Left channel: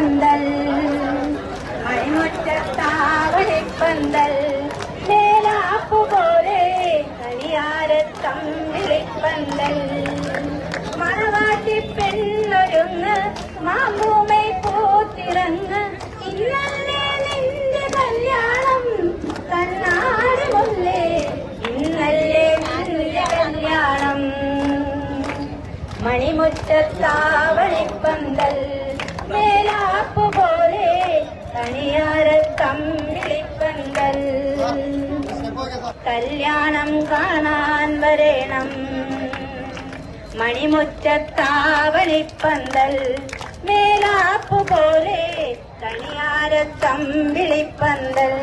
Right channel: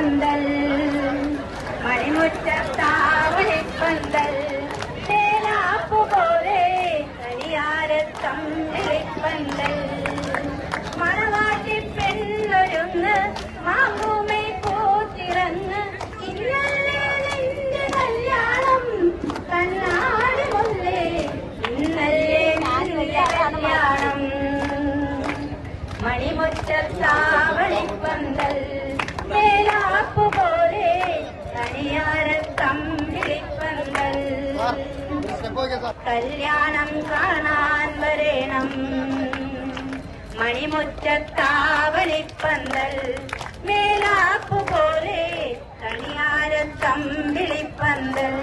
മണിമുറ്റത്താവളിപ്പന്തൽ മണിമുറ്റത്താവളിപ്പന്തൽ പോലെ കണിയാരത്തമ്പിളിപ്പന്തൽ മണവാട്ടി പെണ്ണൊരുന്ന് മാമൂമെ പൂത്തിറന്ന് ഇന്നലെ നിന്റെ കല്യാണം തന്നാട് മുന്നേ ഇന്നല്ലേ നിന്റെ കല്യാണം മണിമുറ്റത്താവളിപ്പന്തൽ പോലെ കണിയാരത്തമ്പിളിപ്പന്തൽ കല്യാണം കാണാൻ വരേണം മണിമുറ്റത്താവളിപ്പന്തൽ മേലാപ്പുപോലെ കണിയാരത്തമ്പിളിപ്പന്തൽ